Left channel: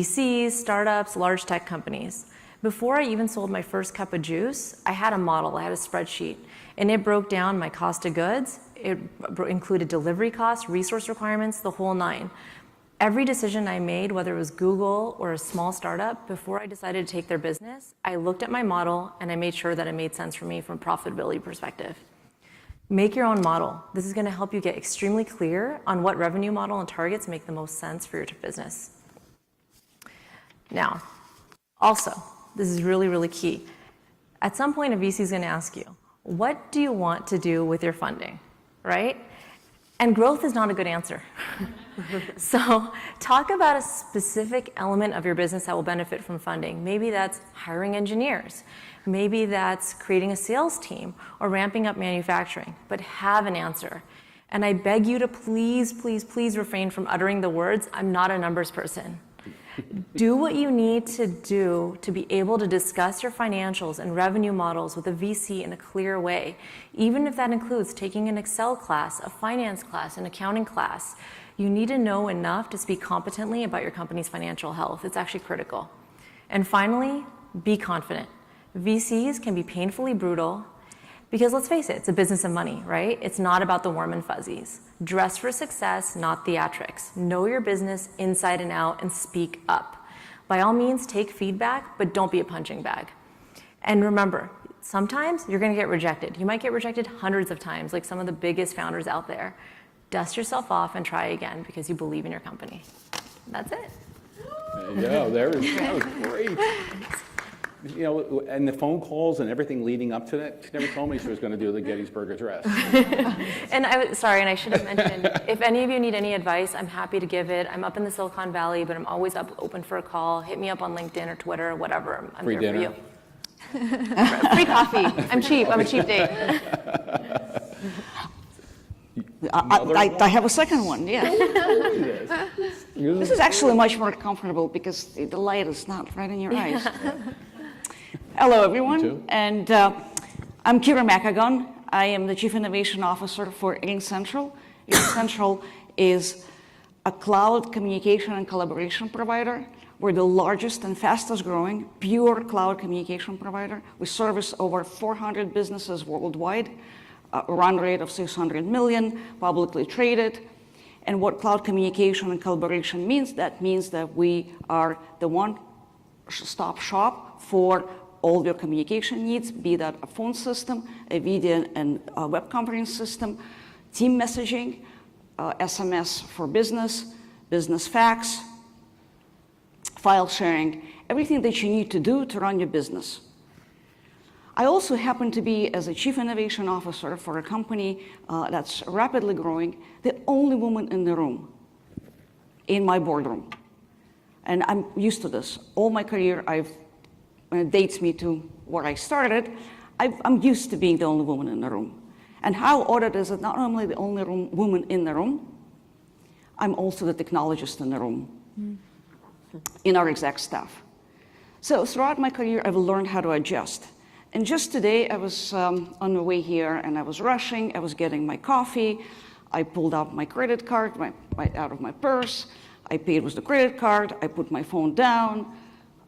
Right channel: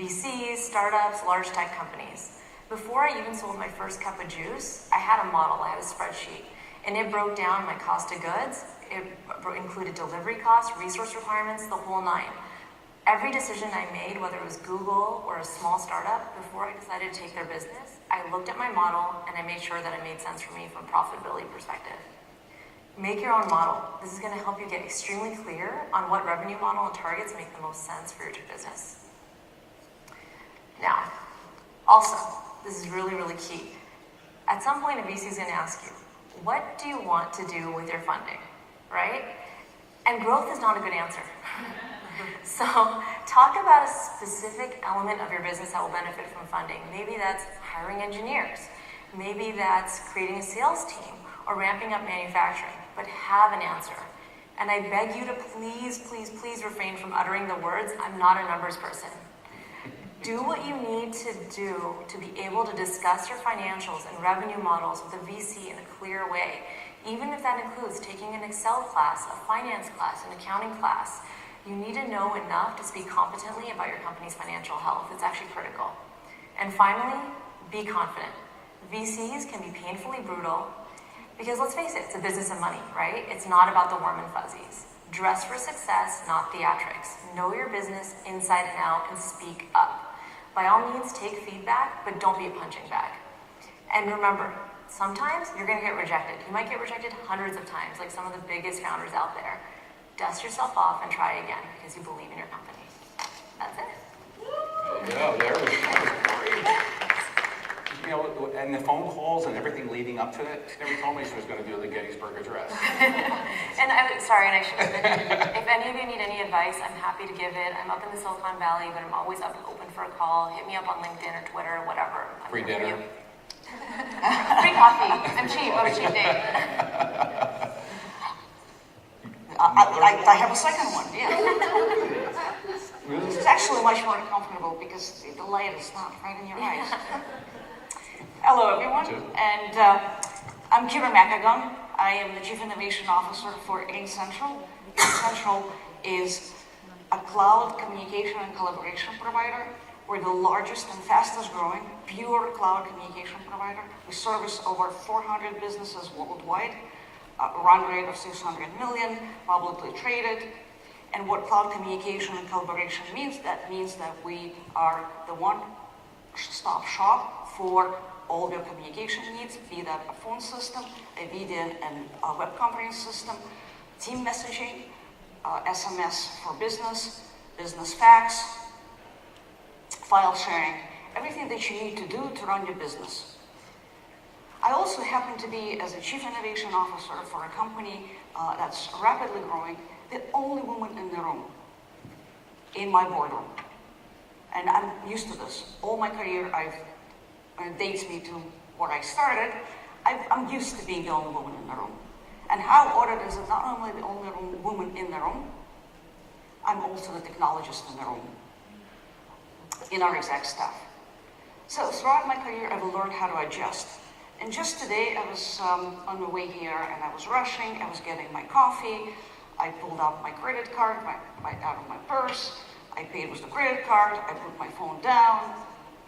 VCs, startups, large tech companies. Before I even sold my first cup of juice, I had a model, I had a spreadsheet, and it broke down my cost of goods. It included delivery costs, resource requirements, the whole nine. Every decision I made, whether it was Google or a small startup, before I decided to take their business, I looked at my model and I made sure that it made sense for me from a profitability perspective. Make your own model. This is going to help you get extremely clear on what revenue model and targets make the most sense for your business. Now, also, this is really, really key. At some point, a VC is going to ask you, what do you want to do with your funding, right? And growth is not a good answer. So talk about a specific element of your business that will benefit from funding. Maybe that's hiring engineers. Maybe that's creating a sales team or ramping up manufacturing, but have an answer. And I beg you to please, please, please refrain from uttering the words, I'm not a numbers person. Do what you need to do to be able to discuss your financials and revenue models with a VC in a clear way, even if that includes taking an Excel class, a finance class, an accounting class. You need to know enough to speak competently about your company's financial health. It's actually critical. And finally, be confident. VCs can be painfully brutal because, let's face it, it's a business of money, right? It's not about the warm and fuzzies. Dress for success, not theatrics. Know your business inside and out and speak up. By all means, take feedback, but don't be a punching bag. And remember, sometimes you're going to get rejected. You might get rejected hundreds of times, like some of the biggest founders out there. Dust yourself off and try again because you believe in your company. That's it. Yeah, there we go. You know, and the phone calls and everything leading up to that, she never told me she was going to do the Gettysburg Address. And I should have mentioned, if any of you need any advice, I'm happy to give it. I'm up in the Silicon Valley, but I'm always open for a call. Hit me up on LinkedIn or Twitter, whatever. I'm Free dinner. Free coffee. I'm cheap. I'm a cheap date. I have a second one, yeah. This is actually much more comfortable because the light is not right in your eyes. Hello, everyone, and I'm Kira Makagon. I am the Chief Innovation Officer for RingCentral. RingCentral is a cloud communication and collaboration provider. We're the largest and fastest growing pure cloud communication provider. We service over 400 businesses worldwide, a run rate of 600 million, publicly traded. And what cloud communication and collaboration means, that means that we are the one-stop shop for all your communication needs, be that a phone system, a video and a web conference system, team messaging, SMS for business, business fax, file sharing, everything that you need to do to run your business. I also happen to be, as a Chief Innovation Officer for a company that's rapidly growing, the only woman in the room, in my boardroom. And I'm used to this. All my career, when it dates me to where I started, I'm used to being the only woman in the room. And how odd it is that not only the only woman in the room, I'm also the technologist in the room, in our exec staff. So throughout my career, I've learned how to adjust. And just today, I was on my way here, and I was rushing. I was getting my coffee. I pulled out my credit card out of my purse. I paid with the credit card. I put my phone down.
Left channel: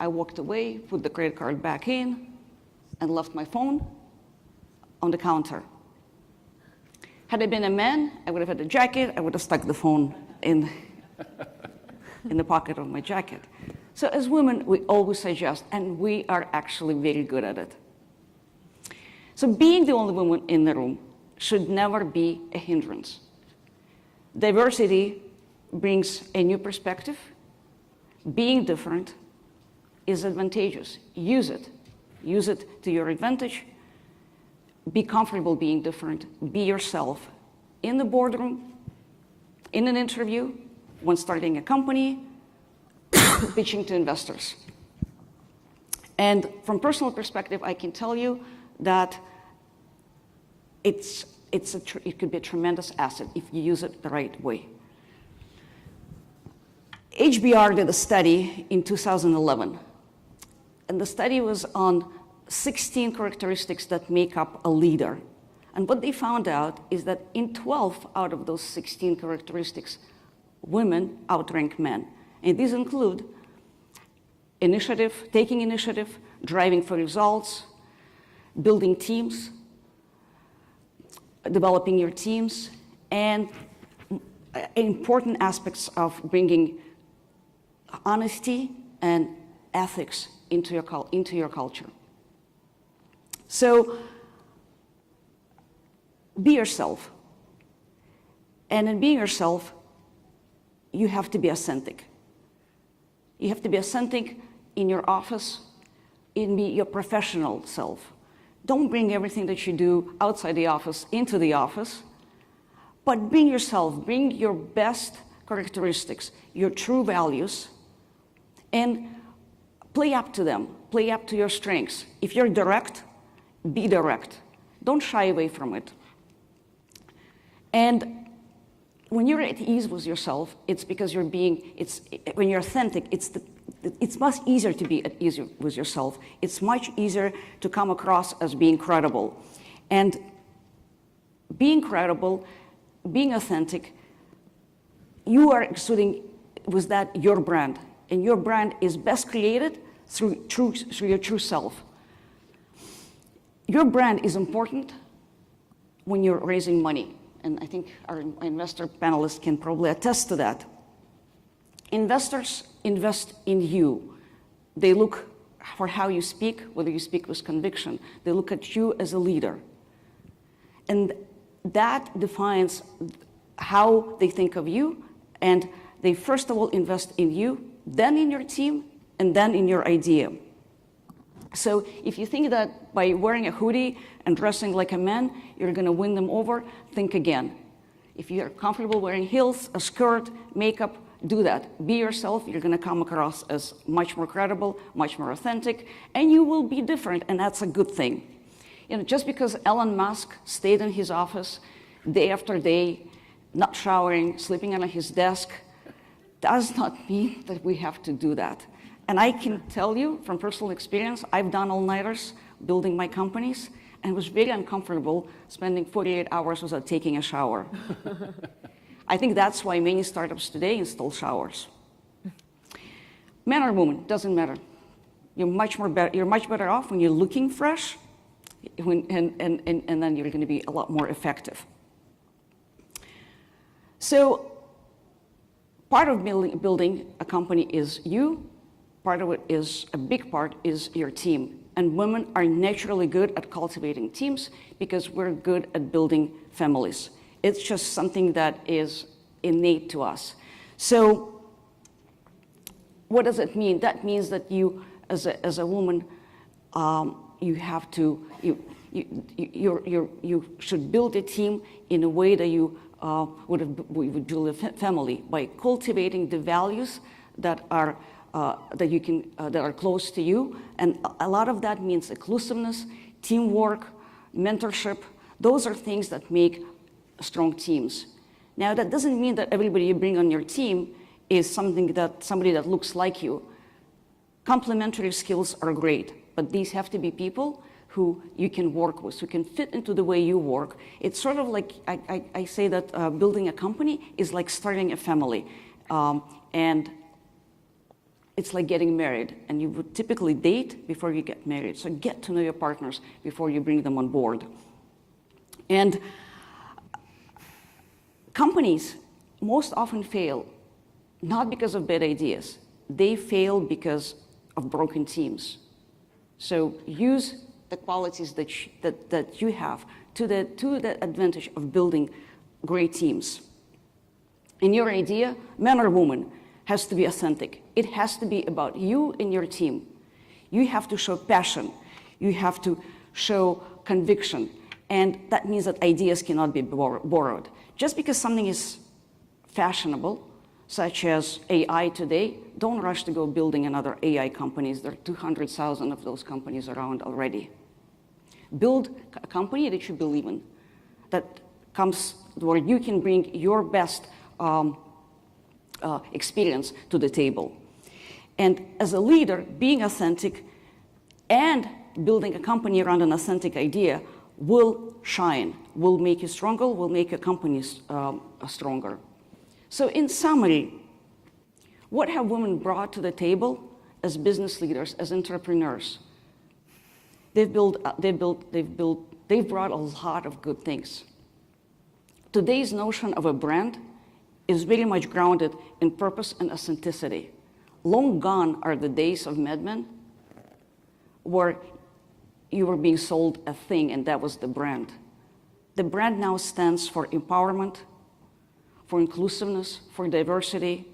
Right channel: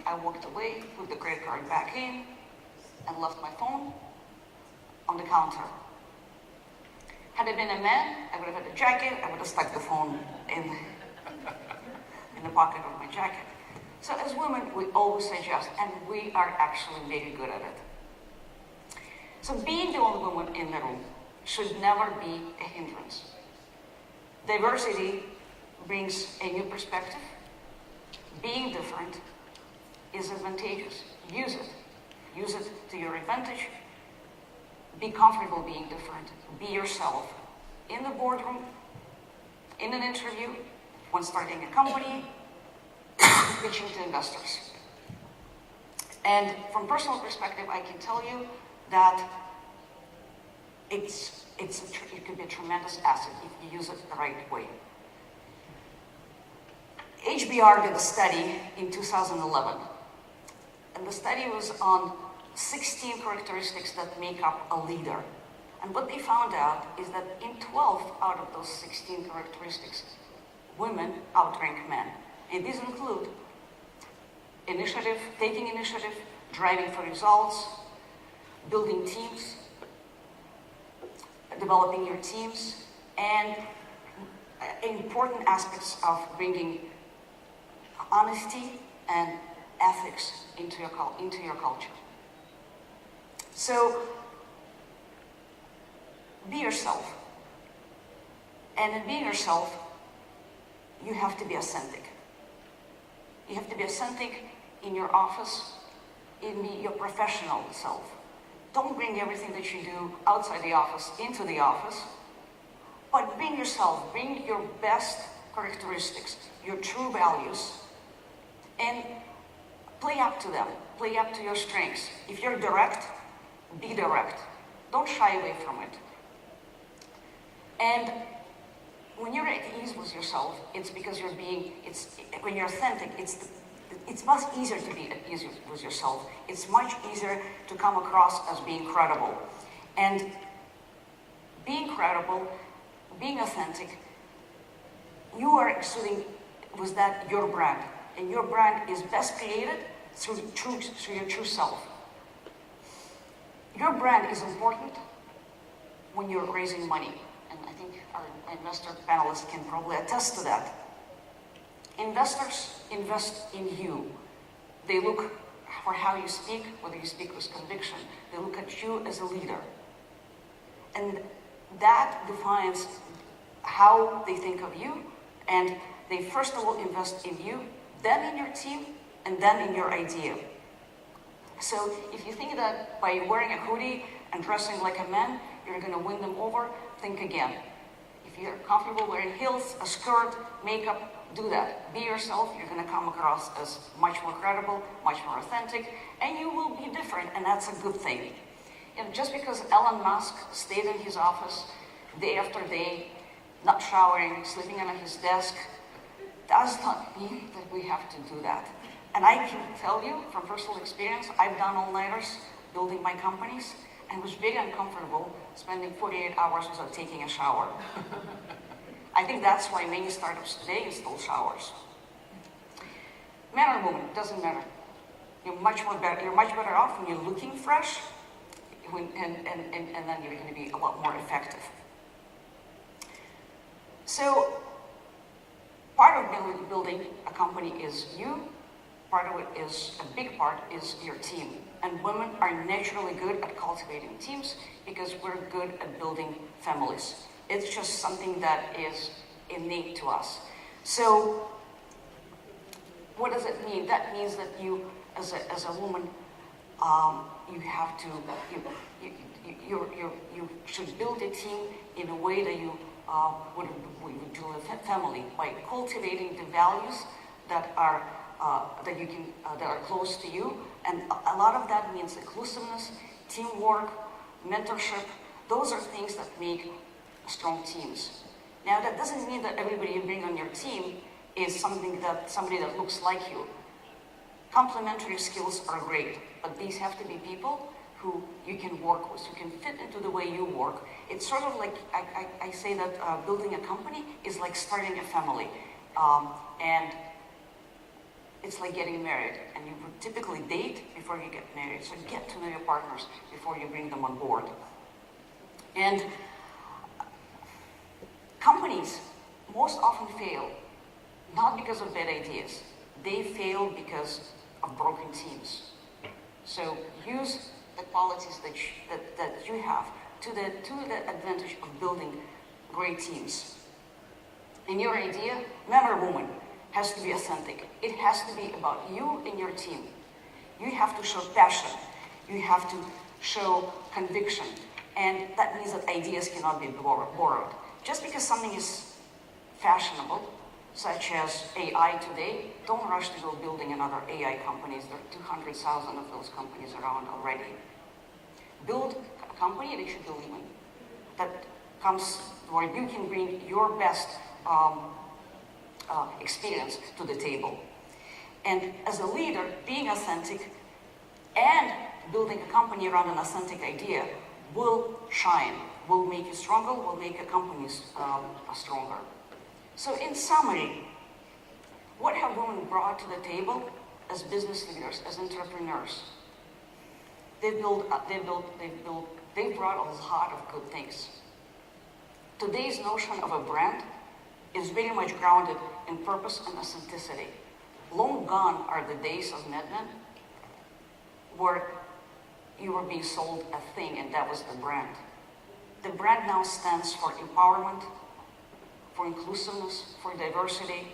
I walked away, put the credit card back in, and left my phone on the counter. Had I been a man, I would have had a jacket. I would have stuck the phone in the pocket of my jacket. So as women, we always adjust, and we are actually very good at it. So being the only woman in the room should never be a hindrance. Diversity brings a new perspective. Being different is advantageous. Use it. Use it to your advantage. Be comfortable being different. Be yourself in the boardroom, in an interview, when starting a company, pitching to investors. And from personal perspective, I can tell you that it could be a tremendous asset if you use it the right way. HBR did a study in 2011, and the study was on 16 characteristics that make up a leader. And what they found out is that in 12 out of those 16 characteristics, women outrank men. And these include initiative, taking initiative, driving for results, building teams, developing your teams, and important aspects of bringing honesty and ethics into your culture. So be yourself. And in being yourself, you have to be authentic. You have to be authentic in your office, in your professional self. Don't bring everything that you do outside the office into the office, but bring yourself, bring your best characteristics, your true values, and play up to them, play up to your strengths. If you're direct, be direct. Don't shy away from it. And when you're at ease with yourself, it's because when you're authentic, it's much easier to be at ease with yourself. It's much easier to come across as being credible. And being credible, being authentic, you are exuding with that your brand. And your brand is best created through your true self. Your brand is important when you're raising money. And I think our investor panelists can probably attest to that. Investors invest in you. They look for how you speak, whether you speak with conviction. They look at you as a leader. And that defines how they think of you. And they first of all invest in you, then in your team, and then in your idea. So if you think that by wearing a hoodie and dressing like a man, you're going to win them over, think again. If you're comfortable wearing heels, a skirt, makeup, do that. Be yourself. You're going to come across as much more credible, much more authentic, and you will be different, and that's a good thing. You know, just because Elon Musk stayed in his office day after day, not showering, sleeping on his desk, does not mean that we have to do that. And I can tell you from personal experience, I've done all-nighters building my companies, and it was very uncomfortable spending 48 hours without taking a shower. I think that's why many startups today install showers. Man or woman, doesn't matter. You're much better off when you're looking fresh, and then you're going to be a lot more effective. So part of building a company is you. Part of it is, a big part is your team. And women are naturally good at cultivating teams because we're good at building families. It's just something that is innate to us. So what does it mean? That means that you, as a woman, you should build a team in a way that you would do a family, by cultivating the values that are that are close to you, and a lot of that means inclusiveness, teamwork, mentorship. Those are things that make strong teams. Now, that doesn't mean that everybody you bring on your team is somebody that looks like you. Complementary skills are great, but these have to be people who you can work with, who can fit into the way you work. It's sort of like, I say that building a company is like starting a family. And it's like getting married, and you would typically date before you get married. So get to know your partners before you bring them on board. And companies most often fail, not because of bad ideas. They fail because of broken teams. So use the qualities that you have to the advantage of building great teams. In your idea, man or woman, has to be authentic. It has to be about you and your team. You have to show passion. You have to show conviction. And that means that ideas cannot be borrowed. Just because something is fashionable, such as AI today, don't rush to go building another AI companies. There are 200,000 of those companies around already. Build a company that you believe in, that comes where you can bring your best experience to the table. And as a leader, being authentic and building a company around an authentic idea will shine, will make you stronger, will make your companies stronger. So in summary, what have women brought to the table as business leaders, as entrepreneurs. They've brought a lot of good things. Today's notion of a brand is very much grounded in purpose and authenticity. Long gone are the days of Mad Men where you were being sold a thing and that was the brand. The brand now stands for empowerment, for inclusiveness, for diversity.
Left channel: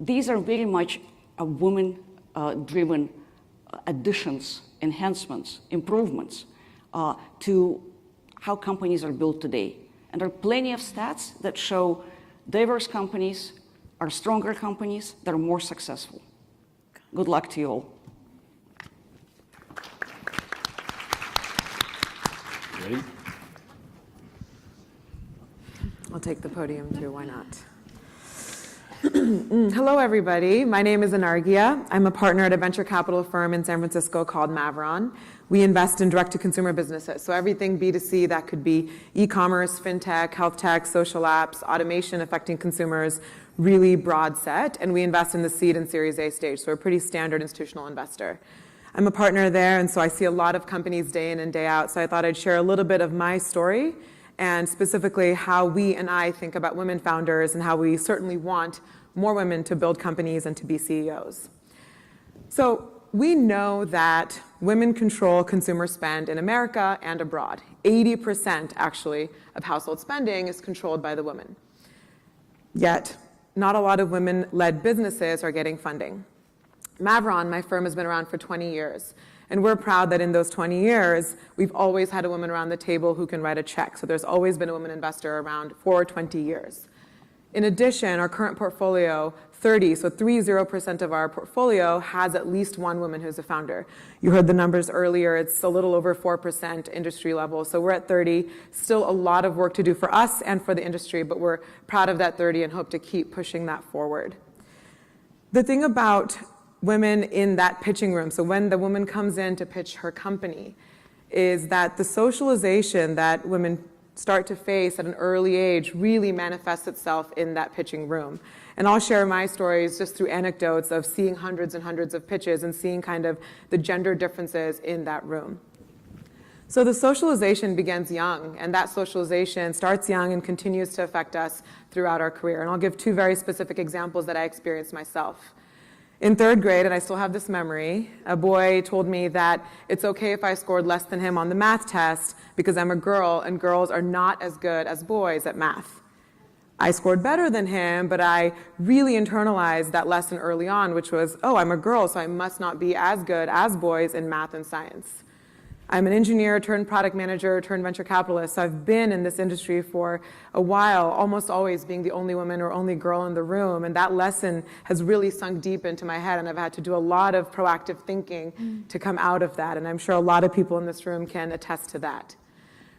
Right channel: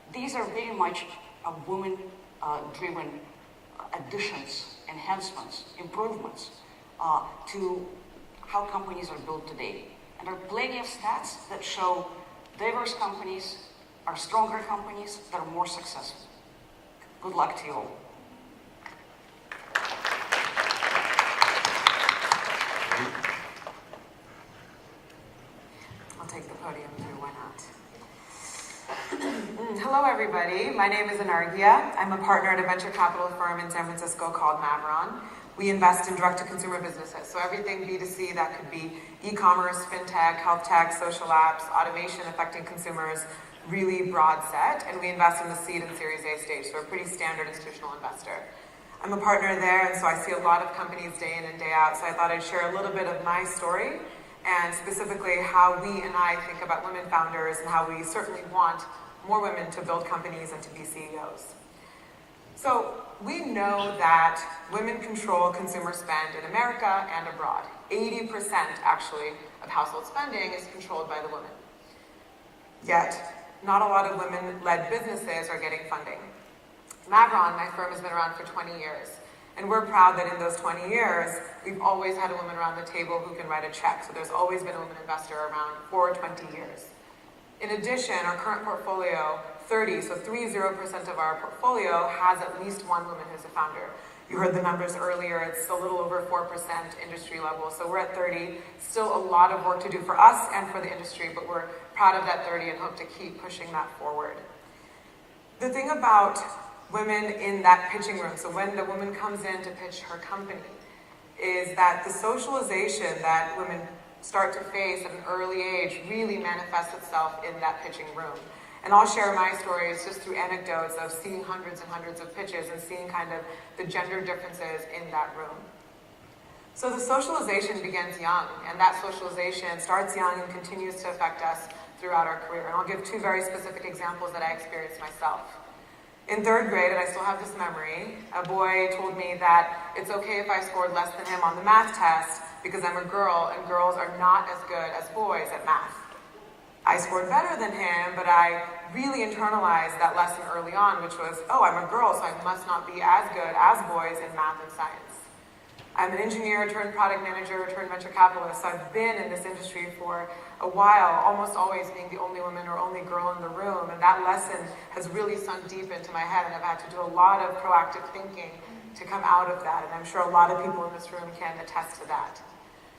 These are very much women-driven additions, enhancements, improvements to how companies are built today. And there are plenty of stats that show diverse companies are stronger companies that are more successful. Good luck to you all. I'll take the podium too, why not? Hello, everybody. My name is Anargia. I'm a partner at a venture capital firm in San Francisco called Mavron. We invest in direct-to-consumer businesses, so everything B2C, that could be e-commerce, fintech, health tech, social apps, automation affecting consumers, really broad set, and we invest in the seed and Series A stage, so a pretty standard institutional investor. I'm a partner there, and so I see a lot of companies day in and day out, so I thought I'd share a little bit of my story, and specifically how we and I think about women founders and how we certainly want more women to build companies and to be CEOs. So we know that women control consumer spend in America and abroad. 80% actually of household spending is controlled by the women. Yet, not a lot of women-led businesses are getting funding. Mavron, my firm, has been around for 20 years. And we're proud that in those 20 years, we've always had a woman around the table who can write a check. So there's always been a woman investor around for 20 years. In addition, our current portfolio, 30% of our portfolio has at least one woman who's a founder. You heard the numbers earlier, it's a little over 4% industry level. So we're at 30, still a lot of work to do for us and for the industry, but we're proud of that 30 and hope to keep pushing that forward. The thing about women in that pitching room, so when the woman comes in to pitch her company, is that the socialization that women start to face at an early age really manifests itself in that pitching room. And I'll share my stories just through anecdotes of seeing hundreds and hundreds of pitches and seeing kind of the gender differences in that room. So the socialization begins young, and that socialization starts young and continues to affect us throughout our career. And I'll give two very specific examples that I experienced myself. In third grade, and I still have this memory, a boy told me that it's okay if I scored less than him on the math test because I'm a girl and girls are not as good as boys at math. I scored better than him, but I really internalized that lesson early on, which was, oh, I'm a girl, so I must not be as good as boys in math and science. I'm an engineer turned product manager turned venture capitalist, so I've been in this industry for a while, almost always being the only woman or only girl in the room, and that lesson has really sunk deep into my head, and I've had to do a lot of proactive thinking to come out of that, and I'm sure a lot of people in this room can attest to that.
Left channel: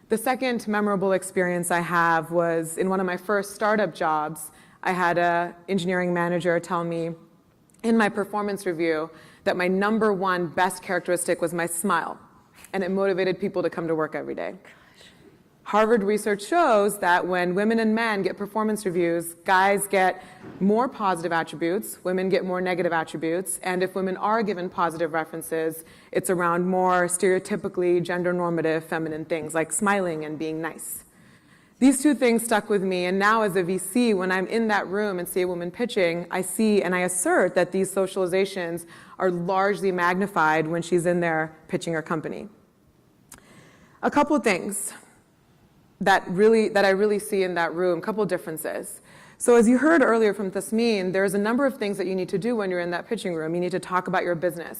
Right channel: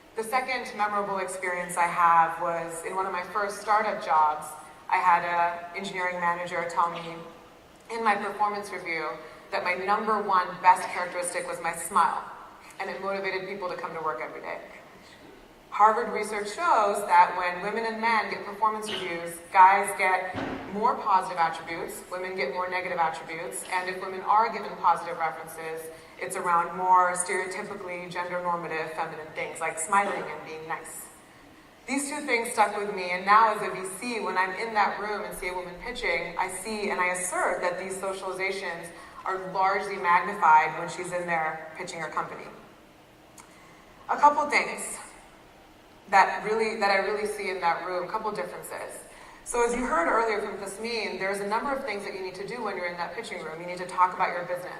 The second memorable experience I have was in one of my first startup jobs. I had an engineering manager tell me in my performance review that my number one best characteristic was my smile, and it motivated people to come to work every day. Harvard research shows that when women and men get performance reviews, guys get more positive attributes, women get more negative attributes, and if women are given positive references, it's around more stereotypically gender-normative feminine things, like smiling and being nice. These two things stuck with me, and now as a VC, when I'm in that room and see a woman pitching, I see and I assert that these socializations are largely magnified when she's in there pitching her company. A couple things that I really see in that room, a couple differences. So as you heard earlier from Tasmin, there's a number of things that you need to do when you're in that pitching room. You need to talk about your business.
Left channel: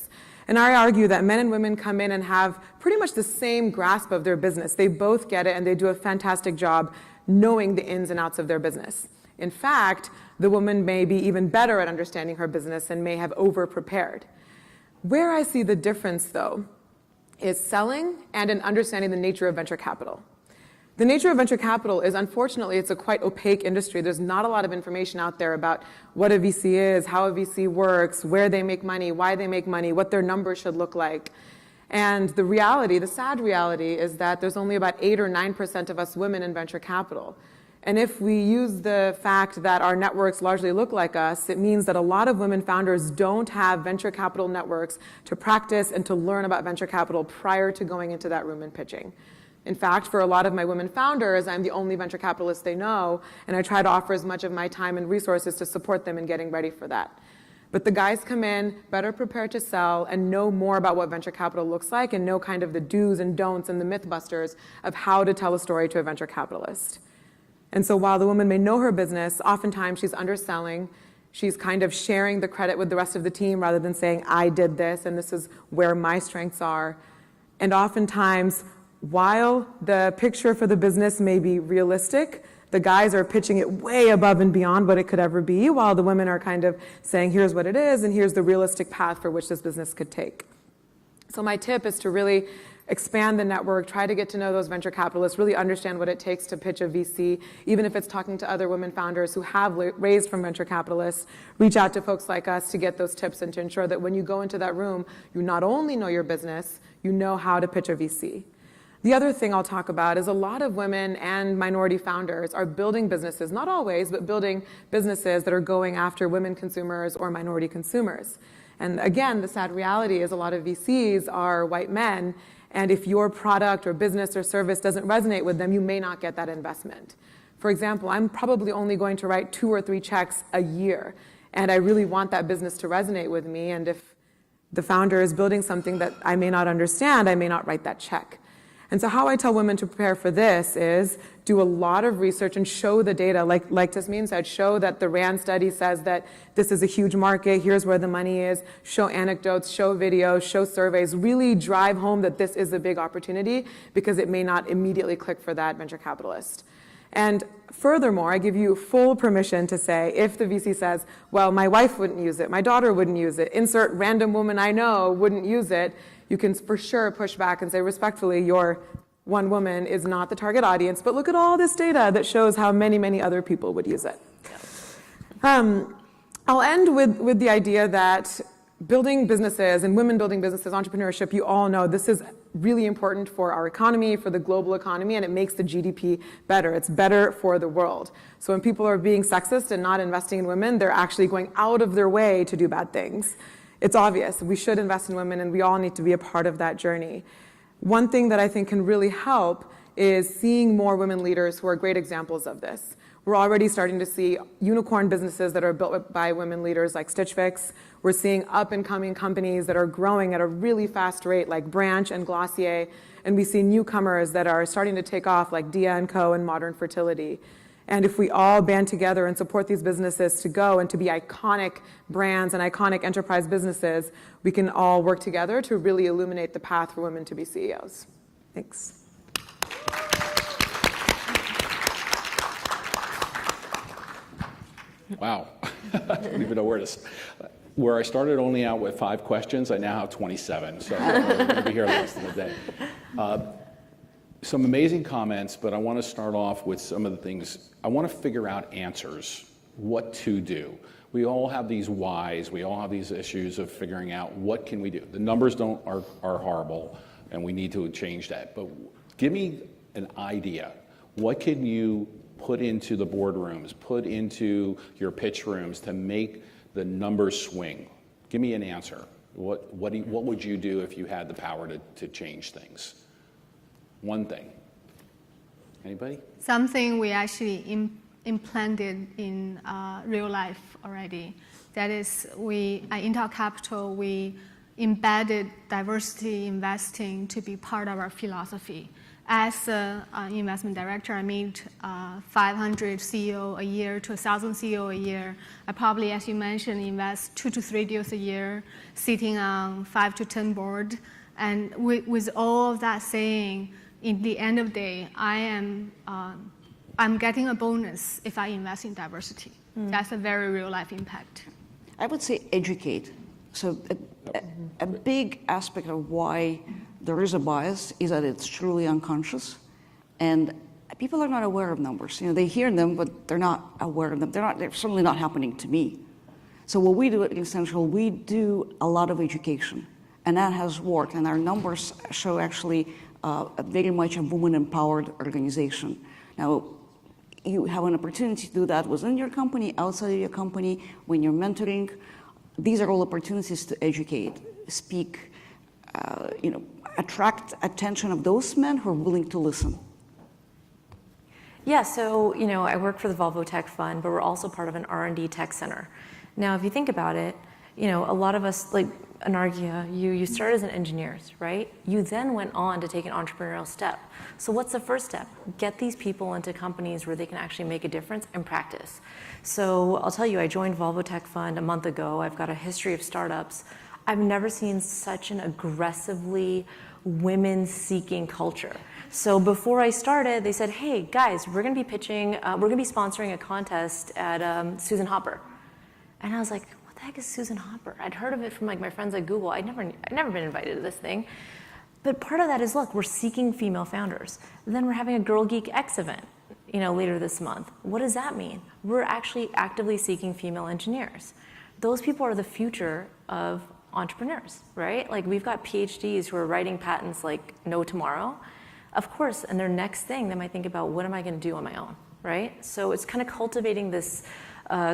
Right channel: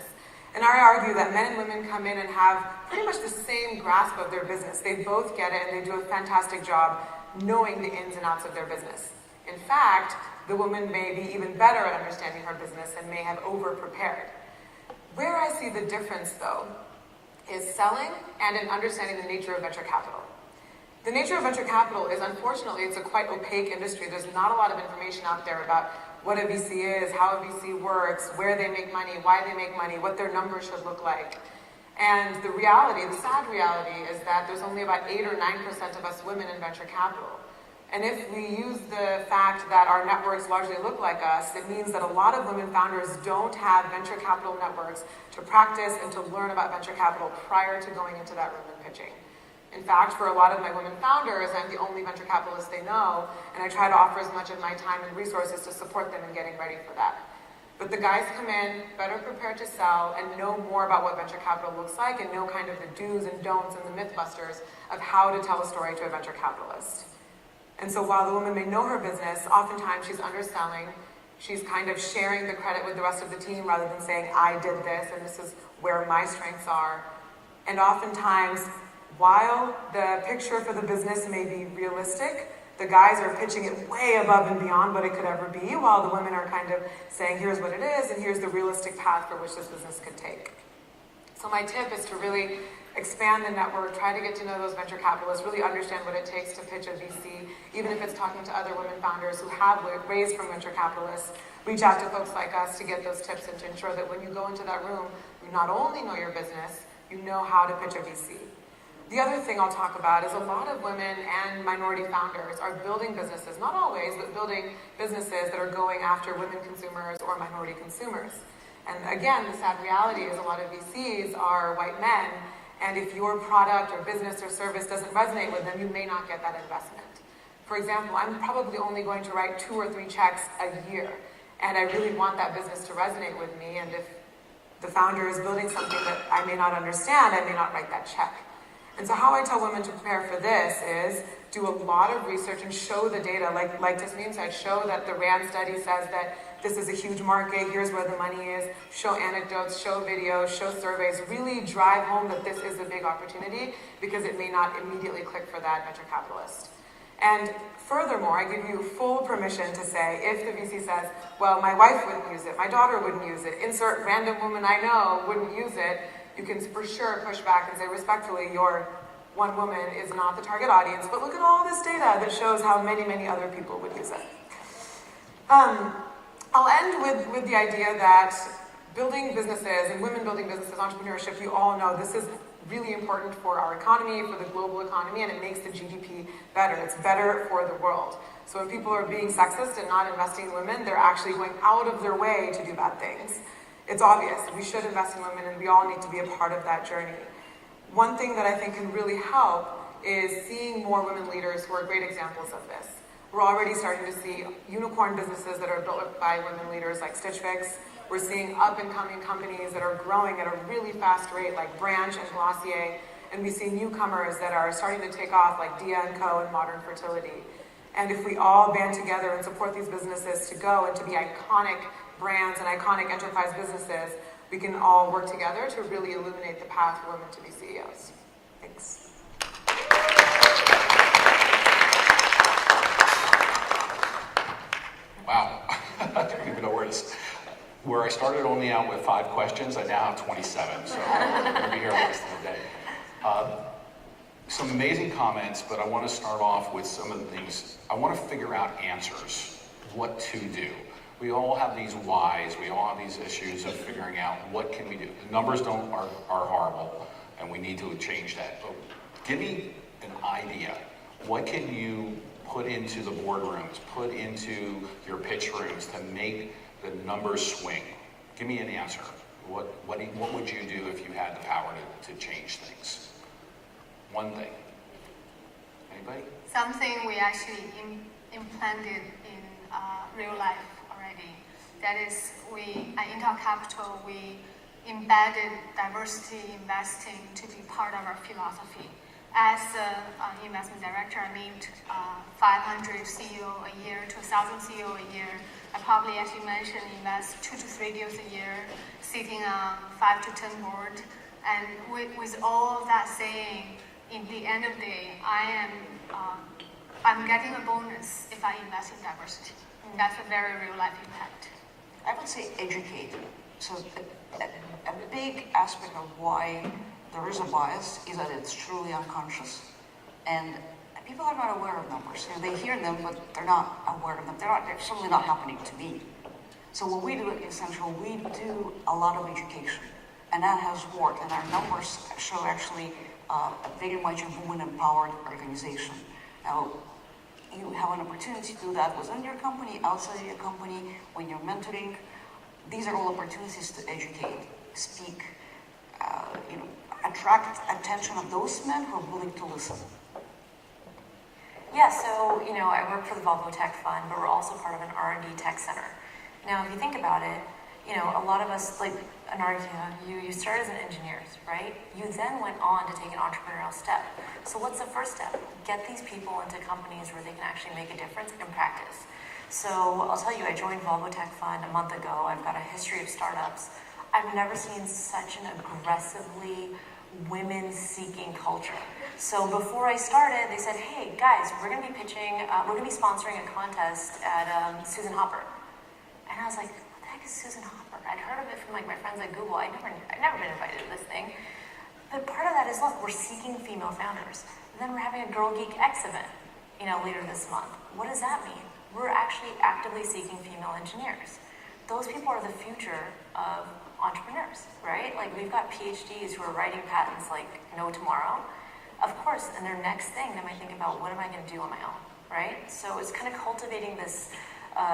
And I argue that men and women come in and have pretty much the same grasp of their business. They both get it, and they do a fantastic job knowing the ins and outs of their business. In fact, the woman may be even better at understanding her business and may have over-prepared. Where I see the difference, though, is selling and in understanding the nature of venture capital. The nature of venture capital is, unfortunately, it's a quite opaque industry. There's not a lot of information out there about what a VC is, how a VC works, where they make money, why they make money, what their numbers should look like. And the reality, the sad reality, is that there's only about 8 or 9% of us women in venture capital. And if we use the fact that our networks largely look like us, it means that a lot of women founders don't have venture capital networks to practice and to learn about venture capital prior to going into that room and pitching. In fact, for a lot of my women founders, I'm the only venture capitalist they know, and I try to offer as much of my time and resources to support them in getting ready for that. But the guys come in, better prepared to sell, and know more about what venture capital looks like, and know kind of the do's and don'ts and the myth busters of how to tell a story to a venture capitalist. And so while the woman may know her business, oftentimes she's underselling, she's kind of sharing the credit with the rest of the team rather than saying, I did this, and this is where my strengths are. And oftentimes, while the picture for the business may be realistic, the guys are pitching it way above and beyond what it could ever be, while the women are kind of saying, here's what it is, and here's the realistic path for which this business could take. So my tip is to really expand the network, try to get to know those venture capitalists, really understand what it takes to pitch a VC, even if it's talking to other women founders who have raised from venture capitalists. Reach out to folks like us to get those tips and to ensure that when you go into that room, you not only know your business, you know how to pitch a VC. The other thing I'll talk about is a lot of women and minority founders are building businesses, not always, but building businesses that are going after women consumers or minority consumers. And again, the sad reality is a lot of VCs are white men, and if your product or business or service doesn't resonate with them, you may not get that investment. For example, I'm probably only going to write 2 or 3 checks a year, and I really want that business to resonate with me, and if the founder is building something that I may not understand, I may not write that check. And so how I tell women to prepare for this is do a lot of research and show the data. Like Tasmin said, show that the RAND study says that this is a huge market, here's where the money is, show anecdotes, show videos, show surveys, really drive home that this is a big opportunity because it may not immediately click for that venture capitalist. And furthermore, I give you full permission to say, if the VC says, well, my wife wouldn't use it, my daughter wouldn't use it, insert random woman I know wouldn't use it, you can for sure push back and say respectfully, your one woman is not the target audience, but look at all this data that shows how many, many other people would use it. I'll end with the idea that building businesses and women building businesses, entrepreneurship, you all know this is really important for our economy, for the global economy, and it makes the GDP better. It's better for the world. So when people are being sexist and not investing in women, they're actually going out of their way to do bad things. It's obvious. We should invest in women, and we all need to be a part of that journey. One thing that I think can really help is seeing more women leaders who are great examples of this. We're already starting to see unicorn businesses that are built by women leaders like Stitch Fix. We're seeing up-and-coming companies that are growing at a really fast rate like Branch and Glossier. And we see newcomers that are starting to take off like Dia & Co. and Modern Fertility. And if we all band together and support these businesses to go and to be iconic brands and iconic enterprise businesses, we can all work together to really illuminate the path for women to be CEOs. Thanks. Wow. Even worse. Where I started only out with 5 questions, I now have 27. So I'll be here the rest of the day. Some amazing comments, but I want to start off with some of the things. I want to figure out answers, what to do. We all have these whys, we all have these issues of figuring out what can we do. The numbers are horrible, and we need to change that. But give me an idea. What can you put into the boardrooms, put into your pitch rooms to make the numbers swing? Give me an answer. What would you do if you had the power to change things? One thing. Anybody? Something we actually implanted in real life already. That is, at Intel Capital, we embedded diversity investing to be part of our philosophy. As an investment director, I meet 500 CEO a year to 1,000 CEO a year. I probably, as you mentioned, invest 2 to 3 deals a year, sitting on 5 to 10 board. And with all of that saying, in the end of the day, I'm getting a bonus if I invest in diversity. That's a very real life impact. I would say educate. So a big aspect of why there is a bias is that it's truly unconscious, and people are not aware of numbers. You know, they hear them, but they're not aware of them. They're certainly not happening to me. So what we do at Essential, we do a lot of education, and that has worked. And our numbers show actually a very much a woman-empowered organization. Now, you have an opportunity to do that within your company, outside of your company, when you're mentoring. These are all opportunities to educate, speak, attract attention of those men who are willing to listen. Yeah, so, I work for the Women4Tech Fund, but we're also part of an R&D tech center. Now, if you think about it, a lot of us, like Anarghya, you started as an engineer, right? You then went on to take an entrepreneurial step. So what's the first step? Get these people into companies where they can actually make a difference and practice. So I'll tell you, I joined Women4Tech Fund a month ago. I've got a history of startups. I've never seen such an aggressively women-seeking culture. So before I started, they said, hey, guys, we're going to be pitching, we're going to be sponsoring a contest at Susan Hopper. And I was like, what the heck is Susan Hopper? I'd heard of it from my friends at Google. I'd never been invited to this thing. But part of that is, look, we're seeking female founders. And then we're having a Girl Geek X event, later this month. What does that mean? We're actually actively seeking female engineers. Those people are the future of entrepreneurs, right? Like, we've got PhDs who are writing patents like no tomorrow. Of course, and their next thing, they might think about, what am I going to do on my own, right? So it's kind of cultivating this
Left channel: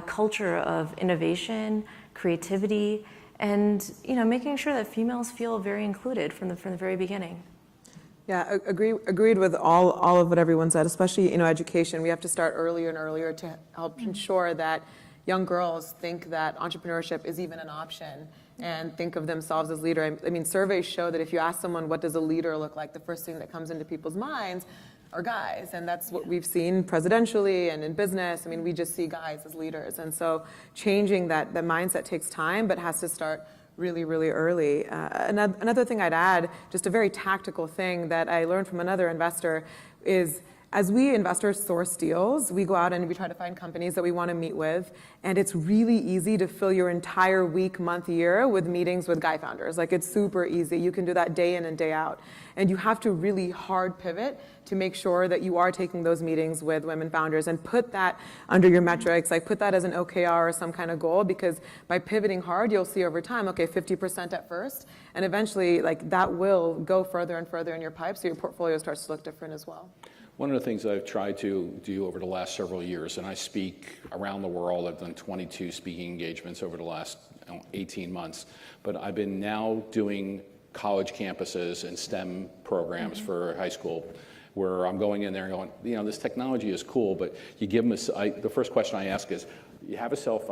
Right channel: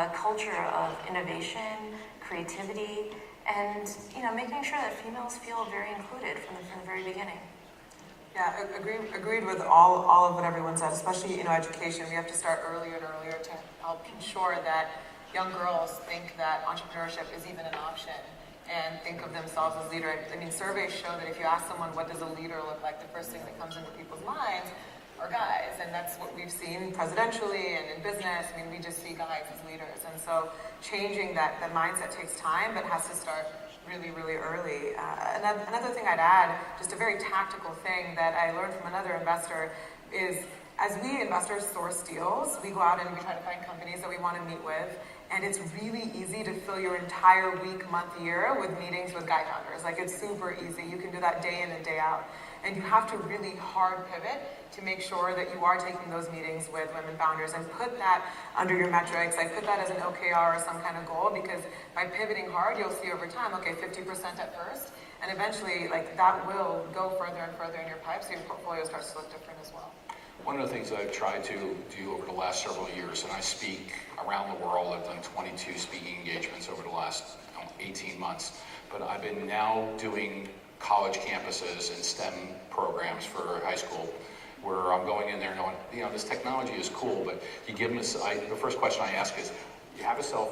culture of innovation, creativity, and making sure that females feel very included from the very beginning. Yeah, agreed with all of what everyone said, especially education. We have to start earlier and earlier to help ensure that young girls think that entrepreneurship is even an option and think of themselves as leader. I mean, surveys show that if you ask someone what does a leader look like, the first thing that comes into people's minds are guys, and that's what we've seen presidentially and in business. I mean, we just see guys as leaders, and so changing that mindset takes time, but has to start really, really early. Another thing I'd add, just a very tactical thing that I learned from another investor, is as we investors source deals, we go out and we try to find companies that we want to meet with. And it's really easy to fill your entire week, month, year with meetings with guy founders. Like, it's super easy. You can do that day in and day out. And you have to really hard pivot to make sure that you are taking those meetings with women founders and put that under your metrics. Like, put that as an OKR or some kind of goal, because by pivoting hard, you'll see over time, okay, 50% at first. And eventually, like, that will go further and further in your pipe, so your portfolio starts to look different as well. One of the things that I've tried to do over the last several years, and I speak around the world, I've done 22 speaking engagements over the last 18 months, but I've been now doing college campuses and STEM programs for high school, where I'm going in there and going, this technology is cool, but you give them the first question I ask is, you have a cell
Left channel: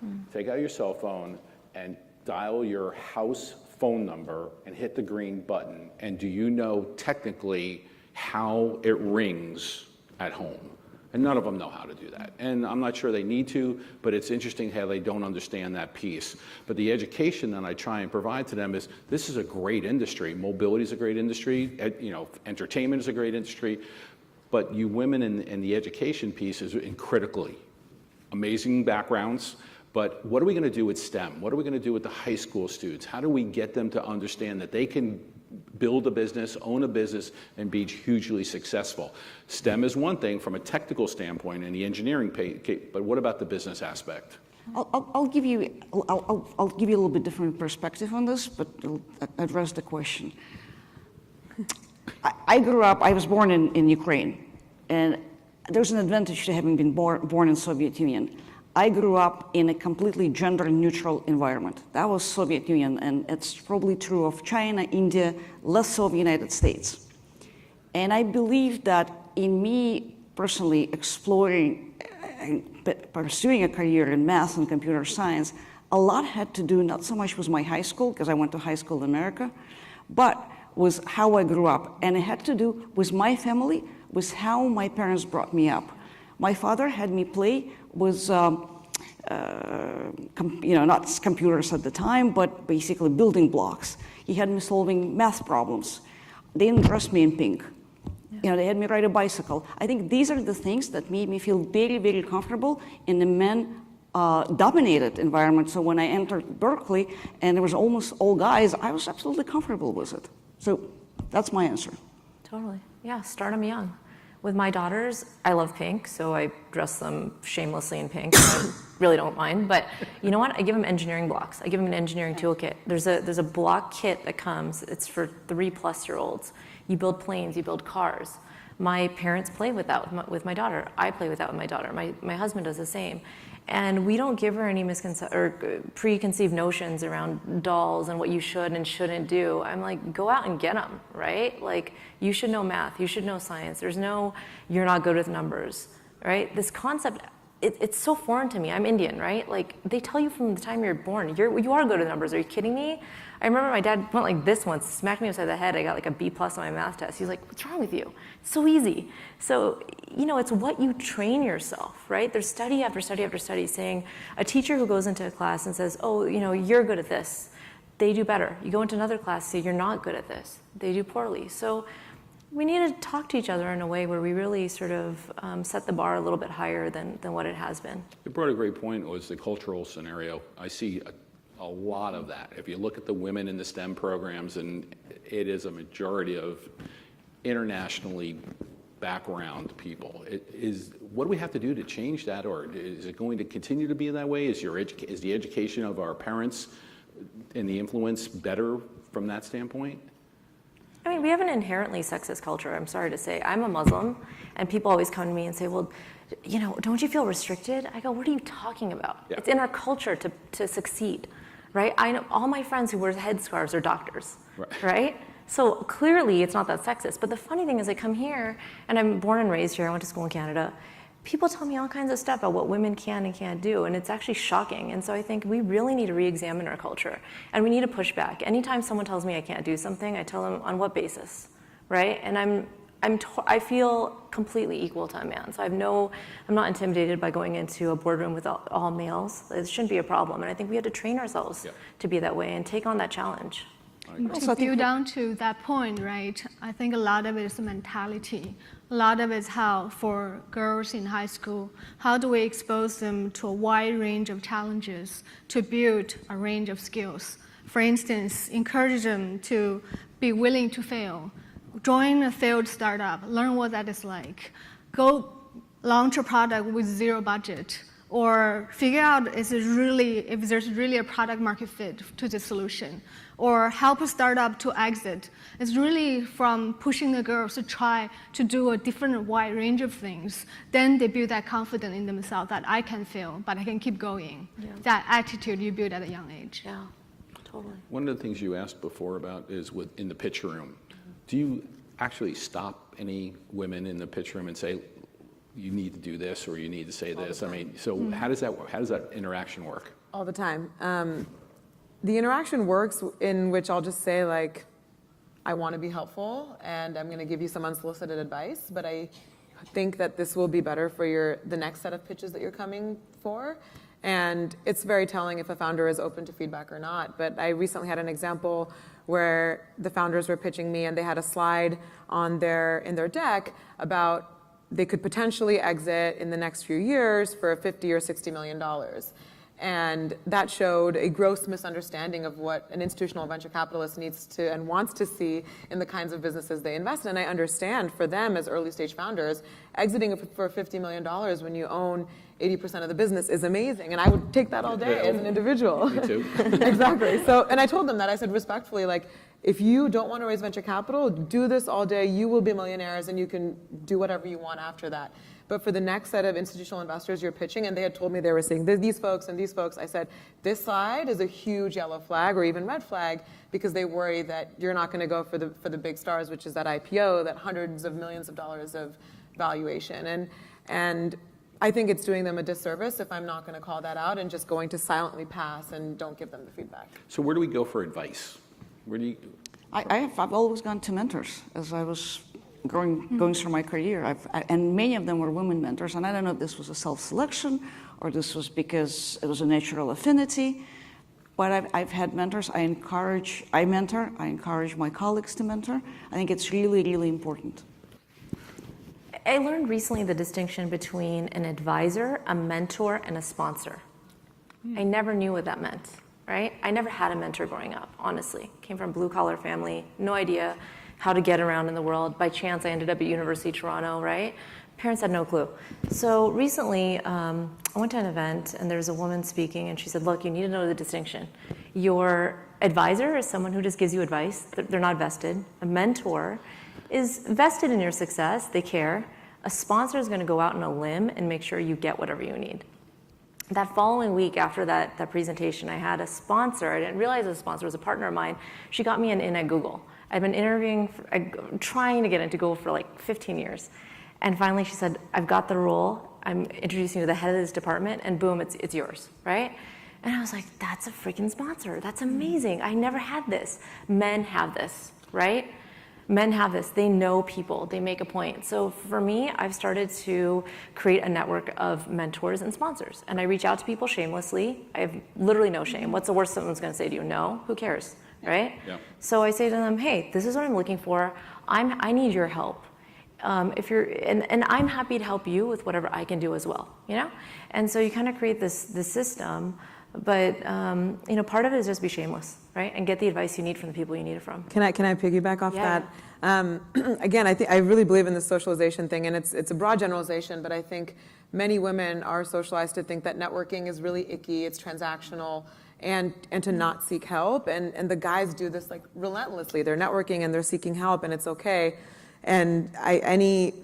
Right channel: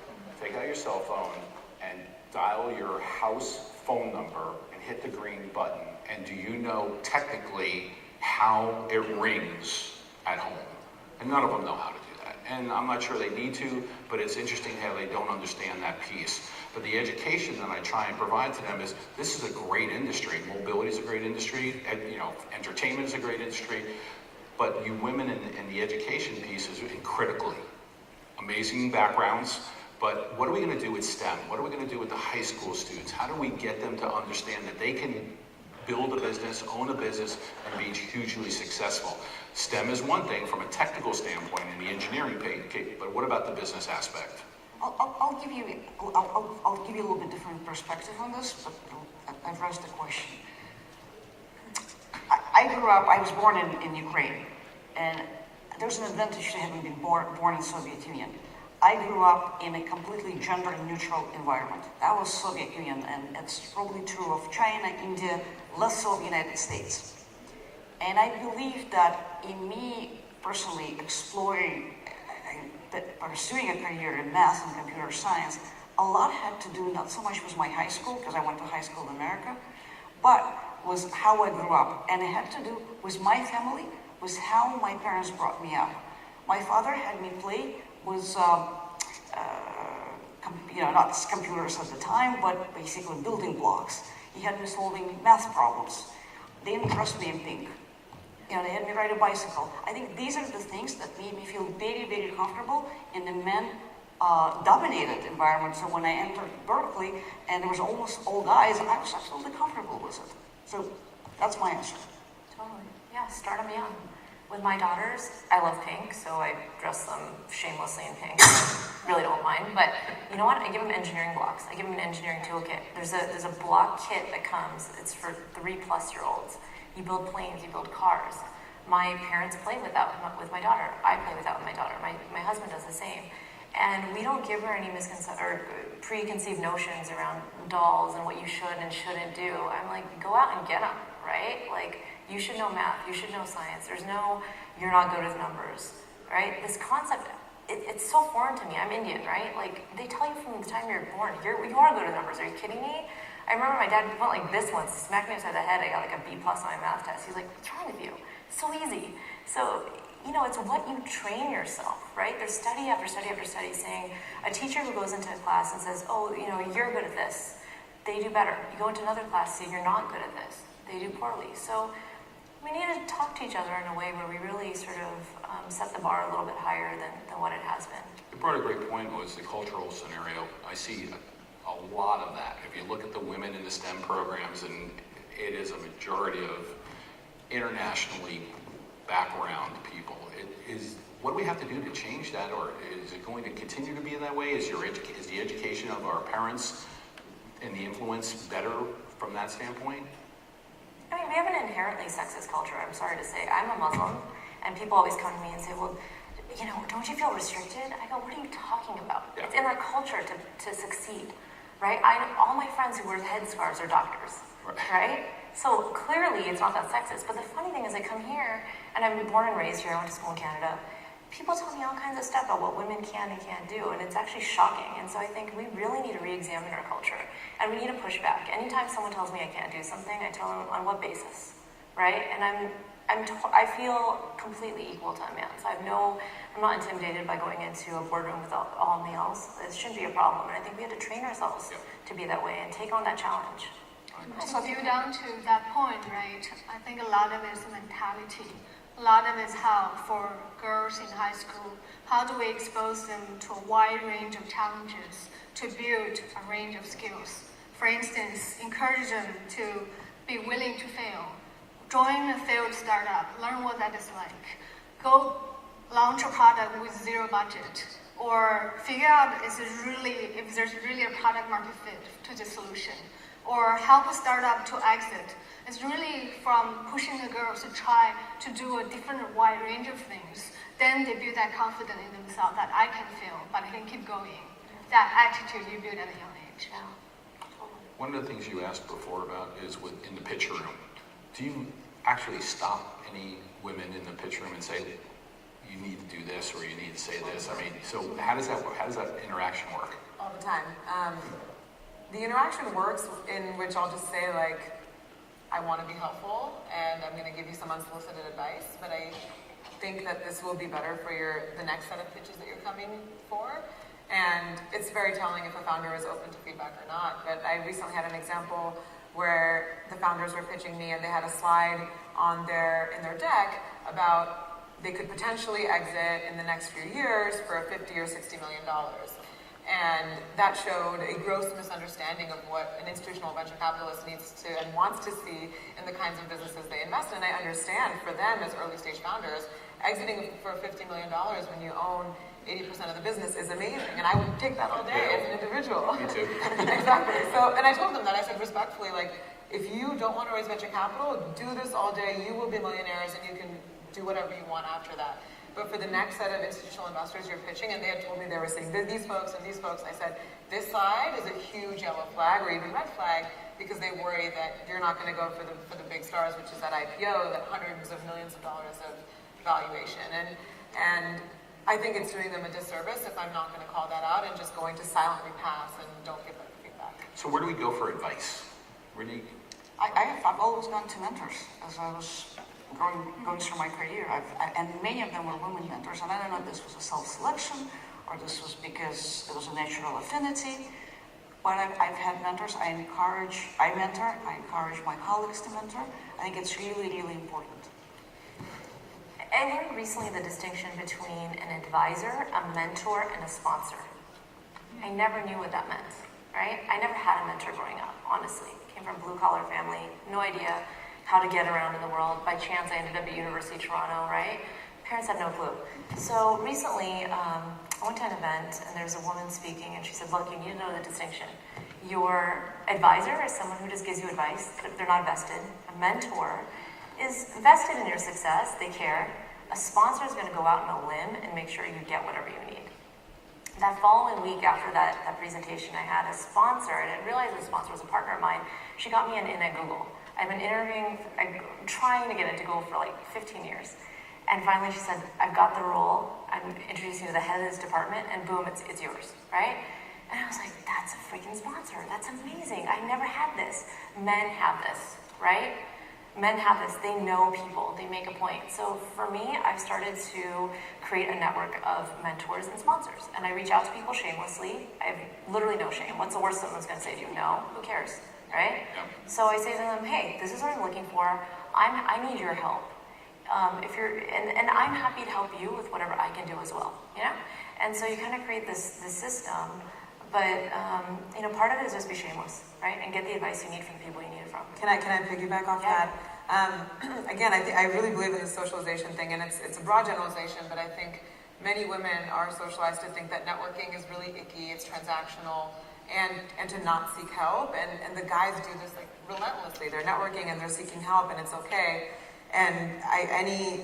phone, take out your cell phone and dial your house phone number and hit the green button, and do you know technically how it rings at home? And none of them know how to do that. And I'm not sure they need to, but it's interesting how they don't understand that piece. But the education that I try and provide to them is, this is a great industry. Mobility is a great industry. Entertainment is a great industry. But you women in the education piece is critically. Amazing backgrounds. But what are we going to do with STEM? What are we going to do with the high school students? How do we get them to understand that they can build a business, own a business, and be hugely successful? STEM is one thing from a technical standpoint and the engineering piece, but what about the business aspect? I'll give you a little bit different perspective on this, but I'll address the question. I was born in Ukraine, and there's an advantage to having been born in Soviet Union. I grew up in a completely gender-neutral environment. That was Soviet Union, and it's probably true of China, India, less so the United States. And I believe that in me personally exploring and pursuing a career in math and computer science, a lot had to do not so much with my high school, because I went to high school in America, but with how I grew up. And it had to do with my family, with how my parents brought me up. My father had me play with, not computers at the time, but basically building blocks. He had me solving math problems. They didn't dress me in pink. They had me ride a bicycle. I think these are the things that made me feel very, very comfortable in a men-dominated environment. So when I entered Berkeley and it was almost all guys, I was absolutely comfortable with it. So that's my answer. Totally. Yeah, start them young. With my daughters, I love pink, so I dress them shamelessly in pink. I really don't mind, but you know what? I give them engineering blocks. I give them an engineering toolkit. There's a block kit that comes. It's for 3+ year olds. You build planes, you build cars. My parents play with that with my daughter. I play with that with my daughter. My husband does the same. And we don't give her any preconceived notions around dolls and what you should and shouldn't do. I'm like, go out and get them, right? Like, you should know math, you should know science. There's no, you're not good with numbers, right? This concept, it's so foreign to me. I'm Indian, right? Like, they tell you from the time you're born, you are good at numbers. Are you kidding me? I remember my dad went like this once, smacked me upside the head. I got like a B+ on my math test. He's like, what's wrong with you? So easy. So, you know, it's what you train yourself, right? There's study after study after study saying a teacher who goes into a class and says, oh, you know, you're good at this, they do better. You go into another class, say you're not good at this, they do poorly. So we need to talk to each other in a way where we really sort of set the bar a little bit higher than what it has been. You brought a great point, was the cultural scenario. I see a lot of that. If you look at the women in the STEM programs, and it is a majority of internationally background people. What do we have to do to change that, or is it going to continue to be that way? Is the education of our parents and the influence better from that standpoint? I mean, we have an inherently sexist culture, I'm sorry to say. I'm a Muslim, and people always come to me and say, well, you know, don't you feel restricted? I go, what are you talking about? Yeah. It's in our culture to succeed, right? All my friends who wear headscarves are doctors, right? So clearly it's not that sexist. But the funny thing is I come here, and I'm born and raised here, I went to school in Canada. People tell me all kinds of stuff about what women can and can't do, and it's actually shocking. And so I think we really need to re-examine our culture, and we need to push back. Anytime someone tells me I can't do something, I tell them on what basis, right? And I feel completely equal to a man. So I'm not intimidated by going into a boardroom with all males. It shouldn't be a problem. And I think we have to train ourselves to be that way and take on that challenge. To go down to that point, right, I think a lot of it is mentality. A lot of it is how, for girls in high school, how do we expose them to a wide range of challenges to build a range of skills? For instance, encourage them to be willing to fail. Join a failed startup, learn what that is like. Go launch a product with zero budget, or figure out if there's really a product market fit to the solution, or help a startup to exit. It's really from pushing the girls to try to do a different wide range of things. Then they build that confidence in themselves that I can fail, but I can keep going. Yeah. That attitude you build at a young age. Yeah. One of the things you asked before about is in the pitch room. Do you actually stop any women in the pitch room and say, you need to do this or you need to say this? I mean, so how does that interaction work? All the time. The interaction works in which I'll just say, like, I want to be helpful and I'm going to give you some unsolicited advice, but I think that this will be better for the next set of pitches that you're coming for. And it's very telling if a founder is open to feedback or not. But I recently had an example where the founders were pitching me and they had a slide in their deck about they could potentially exit in the next few years for $50 or $60 million. And that showed a gross misunderstanding of what an institutional venture capitalist needs to and wants to see in the kinds of businesses they invest in. And I understand for them as early stage founders, exiting for $50 million when you own 80% of the business is amazing. And I would take that all day as an individual. Exactly. So, and I told them that, I said respectfully, like, if you don't want to raise venture capital, do this all day. You will be millionaires and you can do whatever you want after that. But for the next set of institutional investors you're pitching, and they had told me they were saying, these folks and these folks, I said, this slide is a huge yellow flag or even red flag because they worry that you're not going to go for the big stars, which is that IPO, that hundreds of millions of dollars of valuation. And I think it's doing them a disservice if I'm not going to call that out and just going to silently pass and don't give them the feedback. So where do we go for advice? I've always gone to mentors as I was going through my career, and many of them were women mentors, and I don't know if this was a self-selection or this was because it was a natural affinity, but I've had mentors. I mentor, I encourage my colleagues to mentor. I think it's really, really important. I learned recently the distinction between an advisor, a mentor, and a sponsor. I never knew what that meant, right? I never had a mentor growing up, honestly. Came from a blue-collar family, no idea how to get around in the world. By chance, I ended up at University of Toronto, right? Parents had no clue. So recently, I went to an event, and there was a woman speaking, and she said, look, you need to know the distinction. Your advisor is someone who just gives you advice. They're not vested. A mentor is vested in your success. They care. A sponsor is going to go out on a limb and make sure you get whatever you need. That following week after that presentation, I had a sponsor. I didn't realize the sponsor was a partner of mine. She got me an in at Google. I've been trying to get into Google for like 15 years. And finally she said, I've got the role. I'm introducing you to the head of this department, and boom, it's yours, right? And I was like, that's a freaking sponsor. That's amazing. I never had this. Men have this, right? Men have this. They know people. They make a point. So for me, I've started to create a network of mentors and sponsors. And I reach out to people shamelessly. I have literally no shame. What's the worst someone's going to say to you? No? Who cares, right? Yeah. So I say to them, hey, this is what I'm looking for. I need your help. And I'm happy to help you with whatever I can do as well, you know? And so you kind of create this system, but part of it is just be shameless, right? And get the advice you need from the people you need it from. Can I piggyback off that? Again, I really believe in the socialization thing, and it's a broad generalization, but I think many women are socialized to think that networking is really icky, it's transactional, and to not seek help. And the guys do this like relentlessly. They're networking and they're seeking help, and it's okay. And any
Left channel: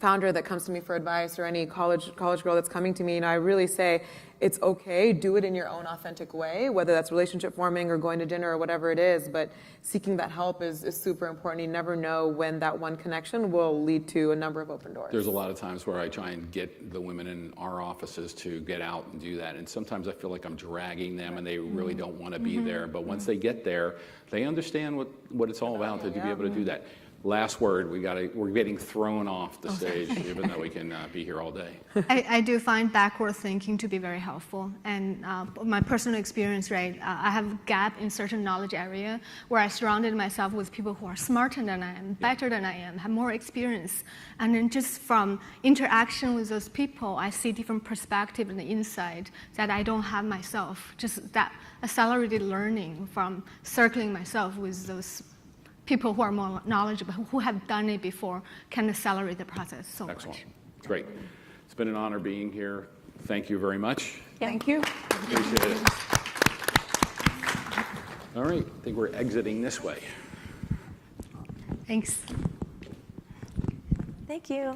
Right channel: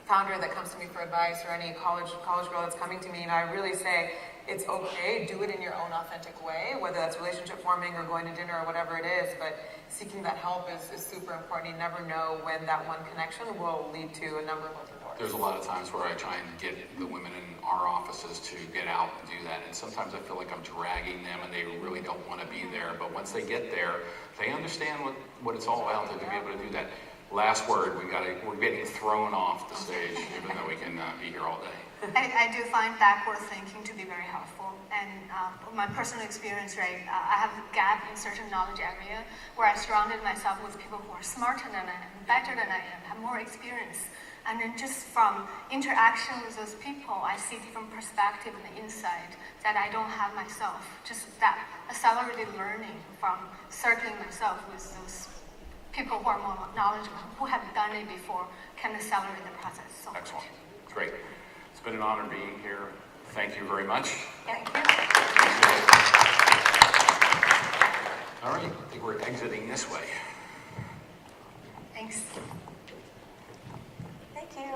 founder that comes to me for advice, or any college girl that's coming to me, I really say, it's okay, do it in your own authentic way, whether that's relationship forming or going to dinner or whatever it is, but seeking that help is super important. You never know when that one connection will lead to a number of open doors. There's a lot of times where I try and get the women in our offices to get out and do that, and sometimes I feel like I'm dragging them and they really don't want to be there, but once they get there, they understand what it's all about to be able to do that. Last word, we're getting thrown off the stage, even though we can be here all day. I do find backward thinking to be very helpful, and my personal experience, right? I have a gap in certain knowledge area where I surrounded myself with people who are smarter than I am, better than I am, have more experience, and then just from interaction with those people, I see different perspective and insight that I don't have myself. Just that accelerated learning from circling myself with those people who are more knowledgeable, who have done it before, can accelerate the process so much. Excellent. Great. It's been an honor being here. Thank you very much. Thank you. All right, I think we're exiting this way. Thanks. Thank you.